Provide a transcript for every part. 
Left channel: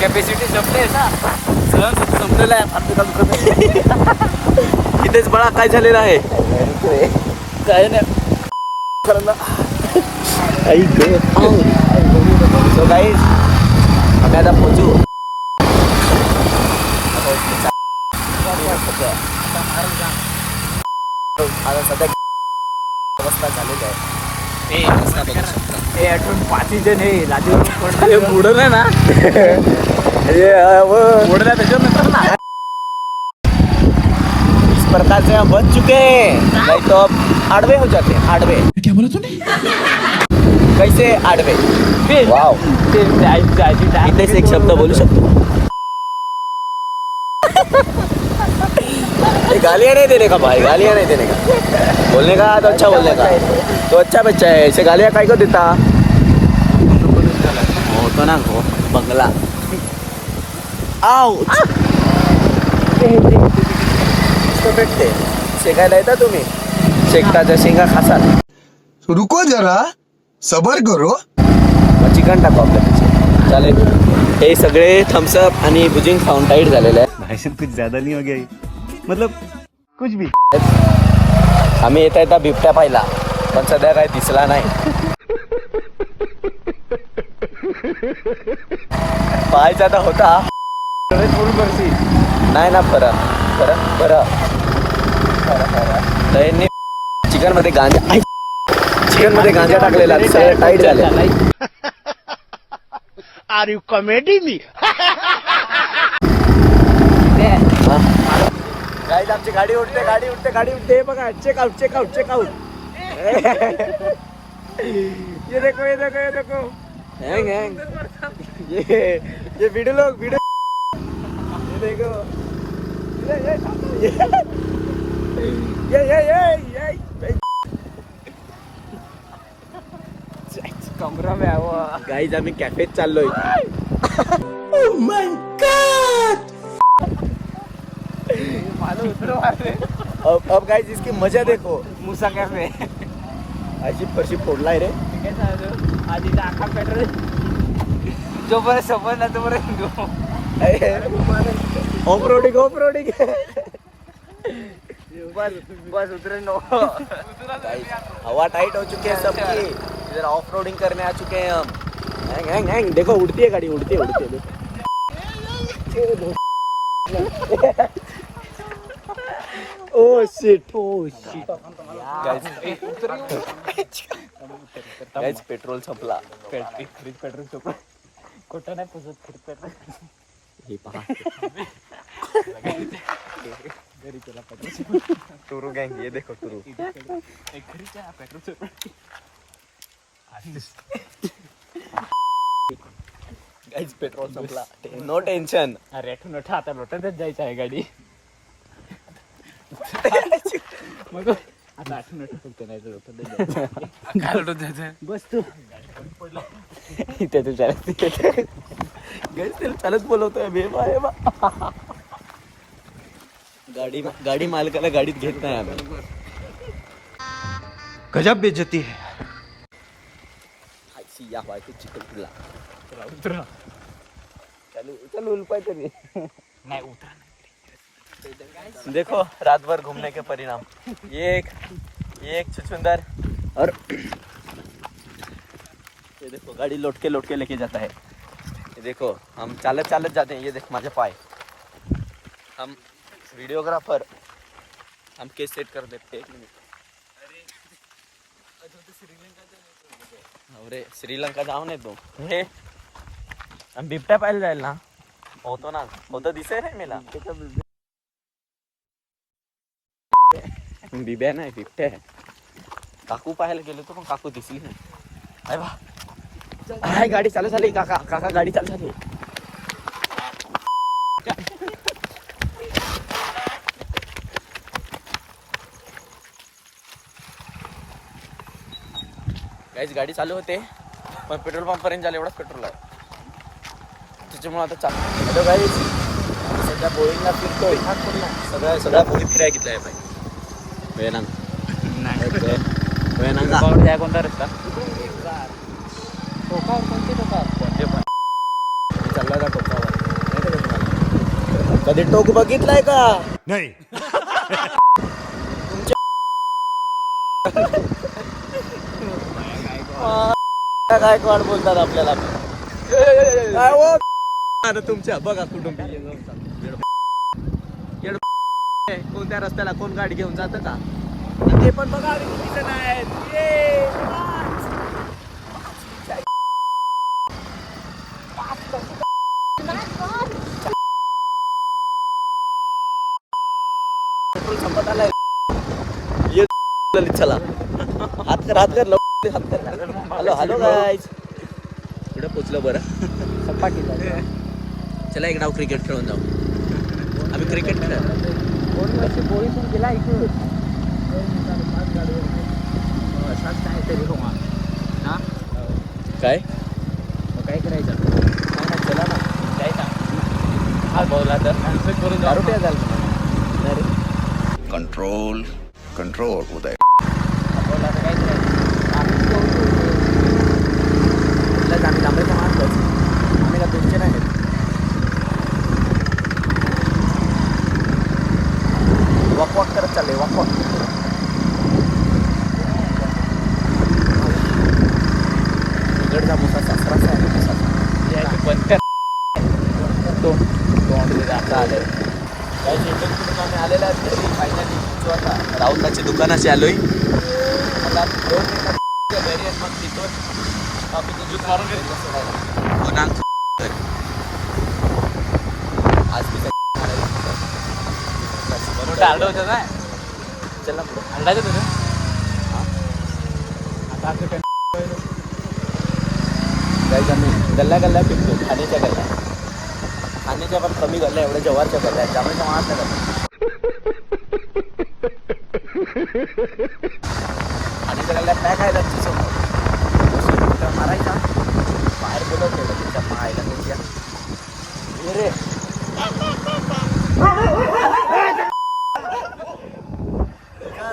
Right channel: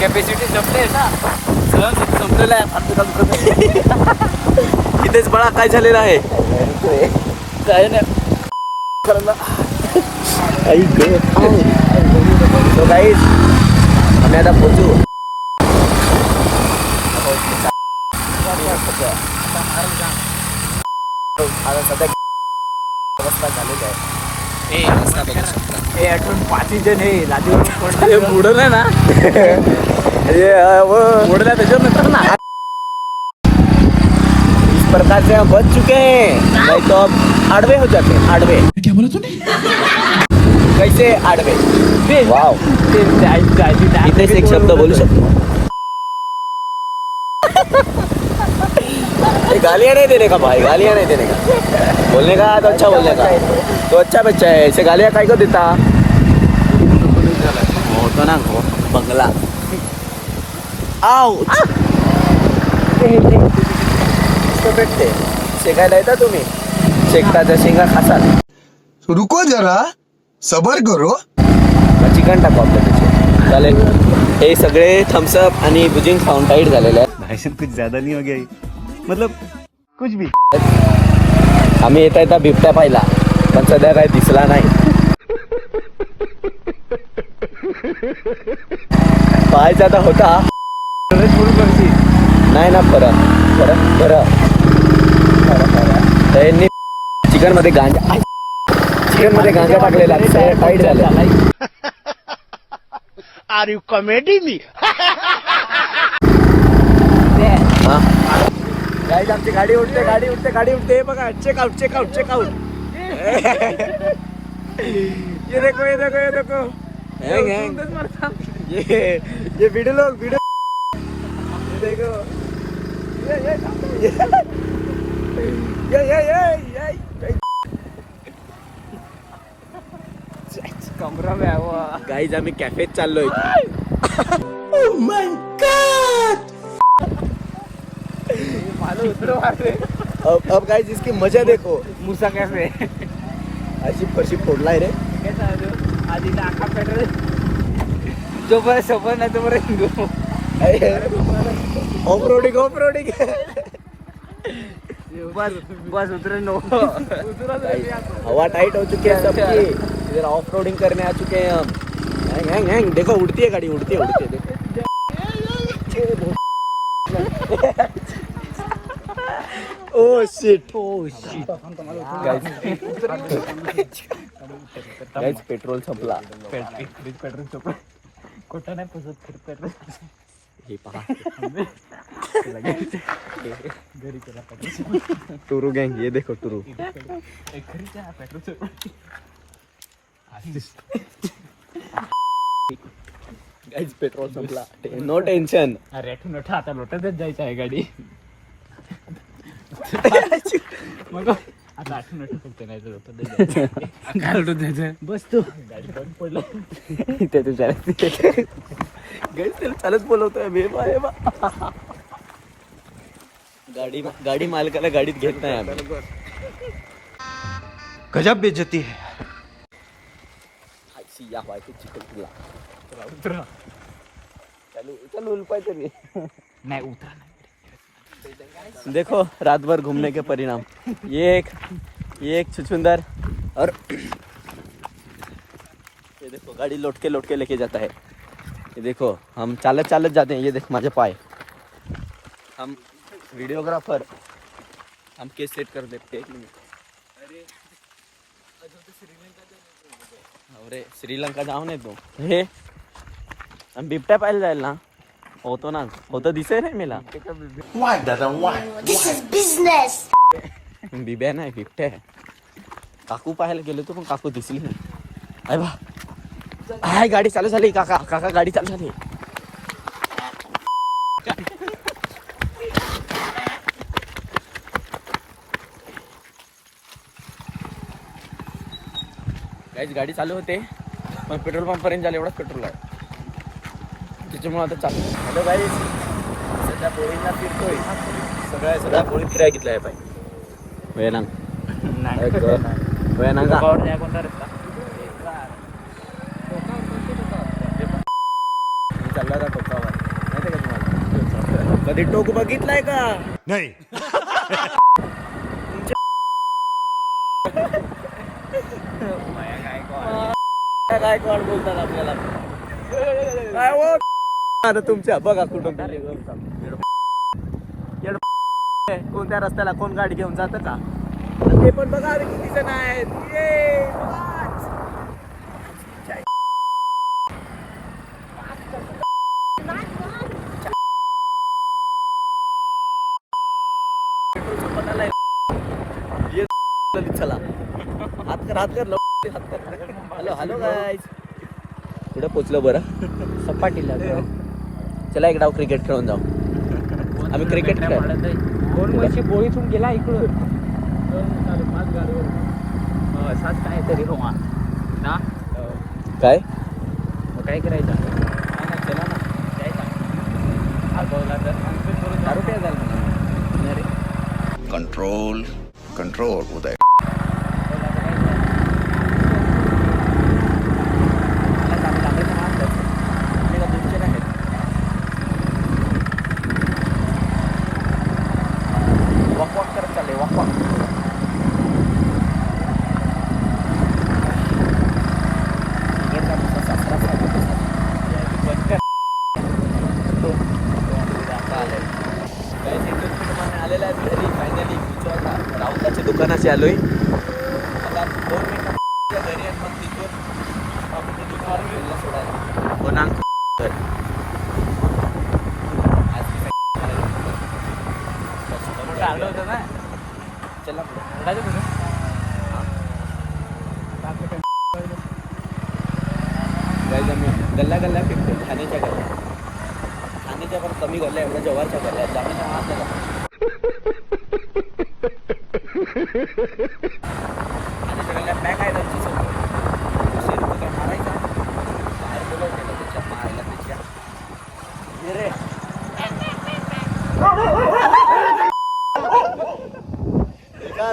Capacity संपले ना, संपलेला आहे. इथेच बळा काय झालेला आहे काय ना करायला. आम्ही आता पोचू. आता सध्या अवस्था झालेली आहे. बुडलं ना इस प्रकार से हम बच चुके हैं, नहीं तो अब आड़वे हो जाते हैं. आड़वे क्या बोला तूने? कैसे आड़वे? वाव, इथेच एक शब्द बोलू शकतो. गालियाँ नहीं देने का भाई, गालियाँ नहीं देने का. बोलने का तो अच्छा बोलने का. तो अच्छा बच्चा है, ऐसे गालियाँ काय को देता. ना बंगला आओ शेकायला येता तुम्ही. शेकताच्या शेंगा खासाल. रुको जरा सबर करो. चिकन टाका चालेल. हे सगळे थम्सअप आणि भुजिंग खाऊन टाईट झालेलं आहे. भाई कुछ ज्यादा नहीं हो गया ये? मतलब कुछ भी. आम्ही येता येता बिबट्या पाहिला, पण सध्या काही दिसला नाही. पाहायचा आता होता नाही ना. खरं त्यांनी चिकन मध्ये गांजा टाकलेला, सगळं टाईट झालं. Are you comedy me? Guys आमची गाडी उडते बघा. चेकआउट. ये देखो ये वीडियो ये देखो. कमरा में गाईज आम्ही कॅफेत चाललोय. Oh my God. अब गाइस इसकी मजा देखो. मुसा कैफे अशी परशी फोडलाय रे. जो बरं सफर नाही तो बरं हिंदू. ऑफरोडिंग बस उतरे नो. हवा टाइट हो चुकी है सबकी. इधर ऑफ रोडिंग करने आ चुके हैं हम. हैंग देखो उड़ती है गाड़ी. Oh shit. Guys, पेट्रोल संपला. कुठं नाही पेट्रोल. टुरू गैंग, ये देखो टुरू. गाइस पेट्रोल संपला. No tension. अरे नोटा आता लोटातच जायचं आहे गाडी. चालत बोलवतोय गाडी मालकाला गाडीत घेत नाही आम्ही. गजब बेइज्जती है. चिकन तुला चल उलपायचं नाही उतरा. देखो रात भर घूमने के परिणाम. ये एक छुछुंदर. और ये देखो गाड़ी लौट के लेके जाता है. ये देखो हम चालत जाते हैं. ये देख माझे पाय. हम वीडियोग्राफर हम केस सेट कर देते. 1 मिनिट. अरे श्रीलंका जाऊ नये तू. हे हम बिबट्या पाहायला जाईल ना. होतो दिसे नाही मला. Why दादा why? This is business. बिब्या नाही बिबट्या. काकू पाहायला गेलो तो पण काकू दिसली नाही. अरे बा हाय गाडी चालू झाली. काका गाडी चालू झाली. गाडी चालू होते पण पेट्रोल पंप पर्यंत झालं एवढाच पेट्रोल आहे. त्याच्यामुळे आता चालू. हॅलो गाईज, सध्या बोरिंगला फिरतोय. सगळ्या बोरी फिराय घेतल्या आहे. कोणता रस्ता? चालला होता टोकावर माहिती का तुम्हाला? कधी टोक बघितलाय का? नहीं. गायकवाड बोलतात आपल्याला. काय हो तुमच्या बघा कुठून कोणत्या रस्त्याला कोण गाडी घेऊन जातं का? ते पण बघा आम्ही किती जण आहेत. ये, पाच. पेट्रोल संपत आलाय. ये चला हात कर हात कर हात कर. हॅलो हॅलो गाईज कुठे पोचलो बरं? चला एक डाव क्रिकेट खेळून जाऊ. आम्ही क्रिकेट खेळ काय काय करायचं? चला ना दारू प्या झालं म्हणा रे. कंट्रोल कंट्रोल उदय. आम्ही तांबड्याच्या मागच आम्ही का टेन्शन आहेत. वॉक वॉक करत चालले वॉक वॉक. इकडचा मुसा सासराचा आहे. चालेल काय जेवण करून आम्ही आलेला आहे घरी. फायनली पोचू आता. राहुलदाच्या दुकानाशी आलोय आता 2 मिनिटात घरी आणि मग तिथून कॉफीची दुकान सोडायला हो ना. आज मी काय चला गाईज आम्ही गल्ल्या गल्ल्या पिकतो. खाण्याच्या गल्ल्या खाण्याच्या पण कमी गल्ल्या एवढ्या जवारच्या गल्ल्या आहेत. जामेच्या मागच्या खाण्याच्या गल्ल्या पॅक आहेत आमची समोर. मारायचा बाहेर बोलवलेलं तुमच्या मायला तुमच्या रे.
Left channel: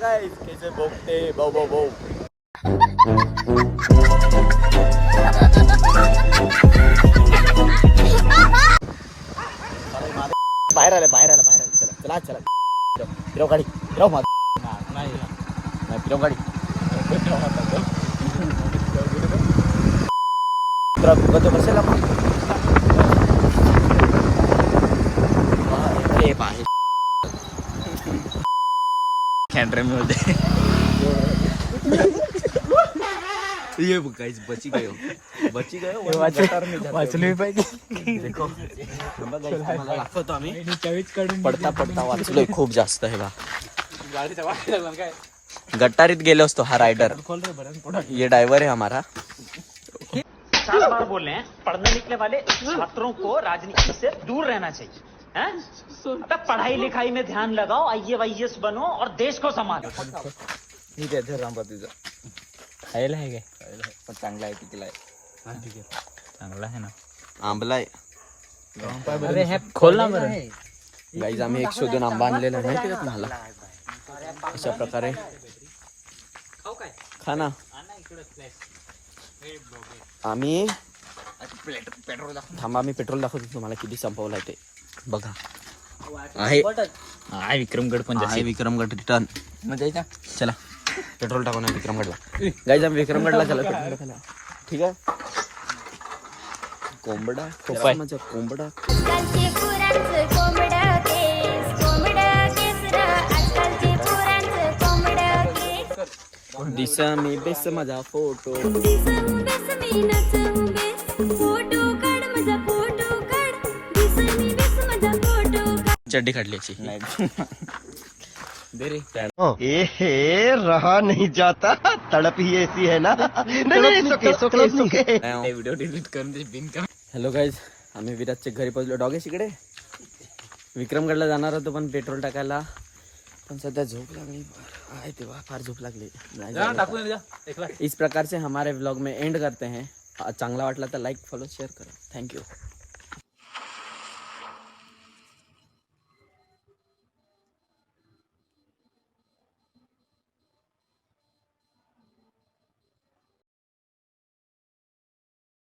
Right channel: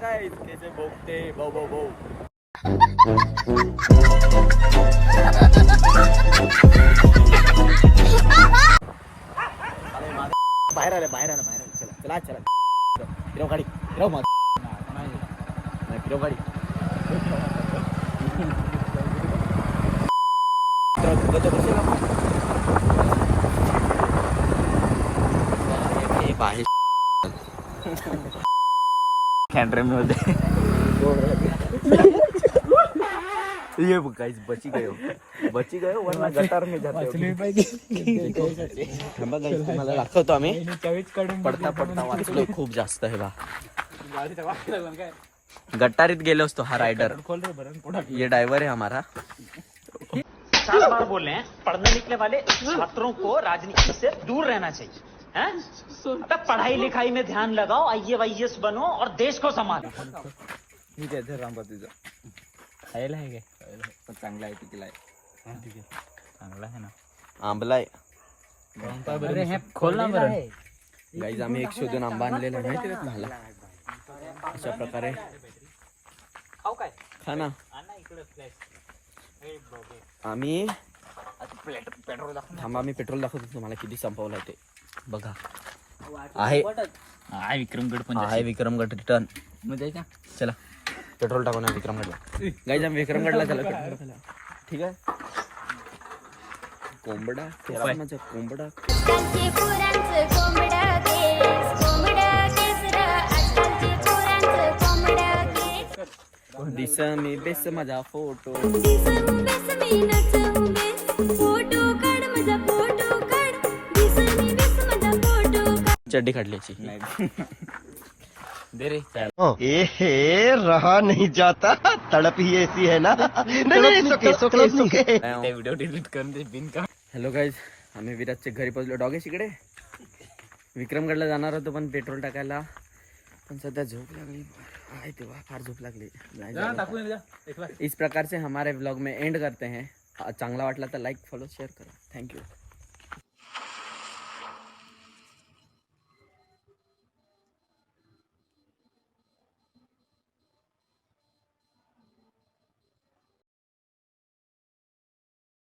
काय कैसे बोगते बो बो बो. बाहेर आले बाहेर आले बाहेर आले. चला चला चला फिरव गाडी फिरव माझ नाही फिरव गाडी. तो कशाला कैमरे में होते ये गाइस बची गए वाचले पाहिजे. मला दाखवतो आम्ही पडता पडता वाचलोय खूप जास्त आहे बा. गट्टारीत गेलो असतो हा रायडर. ये ड्राइवर है हमारा. 7 बार बोल रहे हैं पढ़ने लिखने वाले छात्रों को राजनीति से दूर रहना चाहिए हैं? अबे पढ़ाई लिखाई में ध्यान लगाओ. IAS बनो और देश को संभालो. ठीक आहे रामबा तुझा खायला आहे काय? पण चांगला आहे तिकला आहे. चांगला आहे ना. आंबला आहे. खोल ना बरं. गाईज आम्ही एक शोधून आंबा आणलेला आहे माहिती का तुम्हाला? अशा प्रकारे खा ना. आम्ही थांबा मी पेट्रोल दाखवतो तुम्हाला किती संपवलं आहे ते बघा. आहे विक्रमगड पण आहे विक्रमगड रिटर्न. चला पेट्रोल टाकू ना विक्रमगडला. गाईज आम्ही विक्रमगडला चला पेट्रोल टाकायला. ठीक आहे. कोंबडा माझा कोंबडा. आजकालचे पोरांचं कोंबडं केस र. आजकालचे पोरांचं कोंबडं केस. दिस मी बेस माझा फोटो. दिसू बेस मी नचू बेस. फोटो काढ माझा फोटो काढ. दिस मी बेस माझा फोटो काढ. चड्डी काढल्याची. एहे रहा नहीं जाता. तड़प ही ऐसी है ना. नहीं सुके. व्हिडिओ डिलीट करून ते बिन का. हॅलो गाईज आम्ही विराजच्या घरी पोहोचलो. डॉगेश इकडे विक्रमगडला जाणार होतो पण पेट्रोल टाकायला पण सध्या झोप लागली आहे तेव्हा फार झोप लागली. इस प्रकार से हमारे व्लॉग में एंड करते हैं. चांगला वाटला तर लाईक फॉलो शेअर करा. थँक्यू.